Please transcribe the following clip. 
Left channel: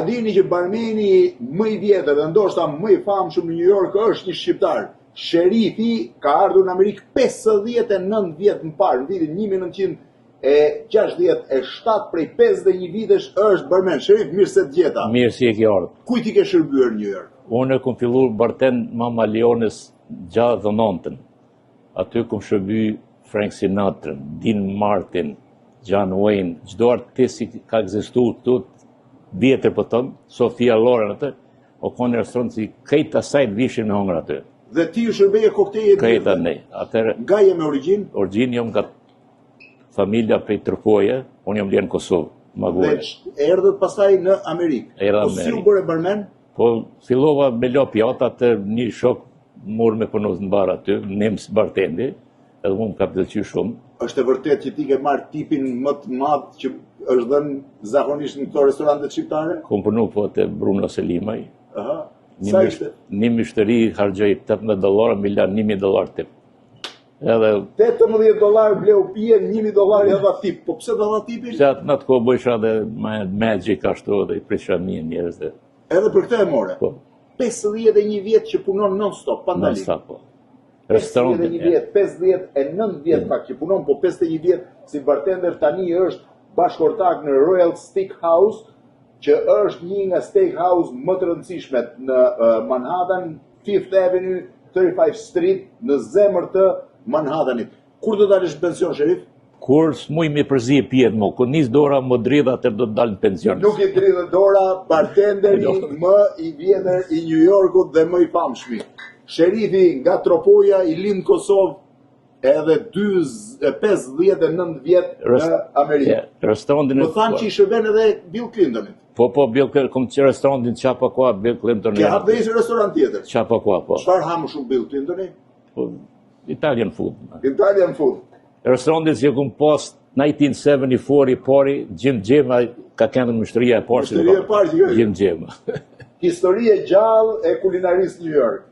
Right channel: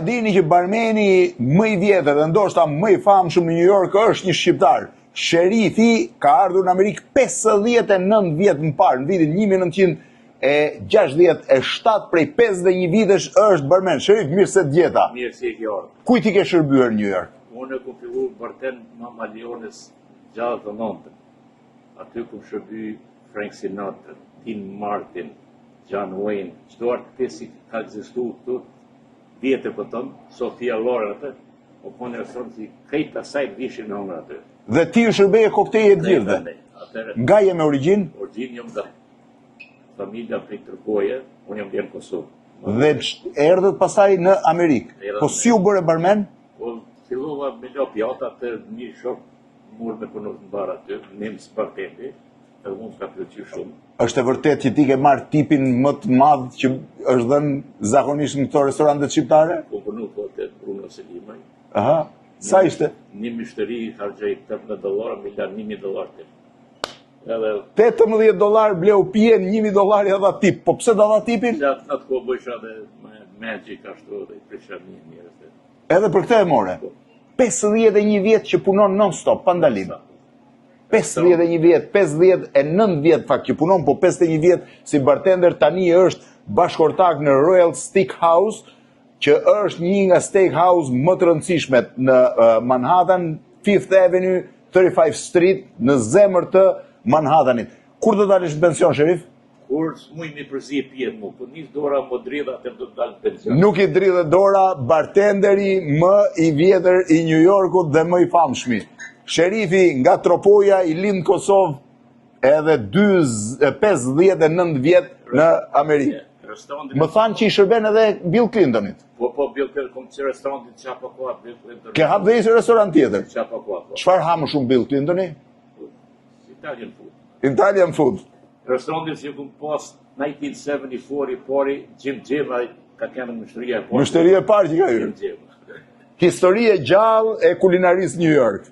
A dini që barmeni më I vjetër dhe ndoshta më I famshëm në New York është një shqiptar. Sherifi ka ardhur në Amerikë 59 vjet më parë, në vitin 1967, prej 51 vitesh është barmen. Sherif, mirë se t'gjeta. Mirë si e ke ardhur. Kujt I ke shërbyer në New York? Unë kom filluar bartend Mama Leones 69. Aty kom shërby Frank Sinatra, Dean Martin, John Wayne, çdo artist që ka ekzistuar këtu vjetër po thon, Sofia Loren atë, o konë restoran si krejt asaj vishin në hongër aty. Dhe ti u shërbeje kokteje të Krejt gjithë. ne. Atëherë, Nga je me origjinë? origjinë jam nga familja prej Tërpoje, unë jam bler në Kosovë. Dhe erdhët pasaj në Amerikë. Erdha Po në si u bëre barmen? Po fillova me lo pjata të një shok mor me punos në bar aty, nems bartendi, edhe unë ka pëlqyer shumë. Është e vërtet që ti ke marrë tipin më të madh që është dhënë zakonisht në këto restorantet shqiptare? Kom punu po te Bruno Selimaj. Aha. Sa ishte? Një mishteri hargjoj $18, mi lan $1.000 tip. Edhe $18 bleu pijen, $1.000 ja dha tip. Po pse dha tipin? se atë në atë kohë bësha dhe magic ashtu dhe I prisha një njerëz dhe Edhe për këtë e more. po. 51 vjet që punon non-stop, pa ndalim. Sa po. 51 vjet, 59 vjet fakt që punon, po 51 vjet si bartender tani është bashkëortak në Royal Steakhouse, që është një nga steakhouse më të rëndësishmet në Manhattan, 5th Avenue, 35 Street, në zemër të Manhattanit. Kur do dalësh në pension, Sherif? Kur s'muj me përzi e pjetë mo, kur nis dora më dridha të do të dalë në pension. Nuk I dridhe dora bartenderi më I vjetër I New Yorkut dhe më I famshmi. Sherifi nga Tropoja I lind në Kosovë edhe 59 vjet në Amerikë. Restorantin Më thanë që I shërben edhe Bill Clintonit. Po, Bill Clinton, kom që restorantin qapa kua, Bill Clinton. Ke hap dhe ishë restorant tjetër. Qapa kua, po. Çfarë ha më shumë Bill Clintoni? Po, Italian food. Italian food. Restorantin që kom pas 1974 I pari, Jim ka kënë mështëria e parë. Mështëria e parë që ka Jim. Histori e gjallë e kulinarisë New York.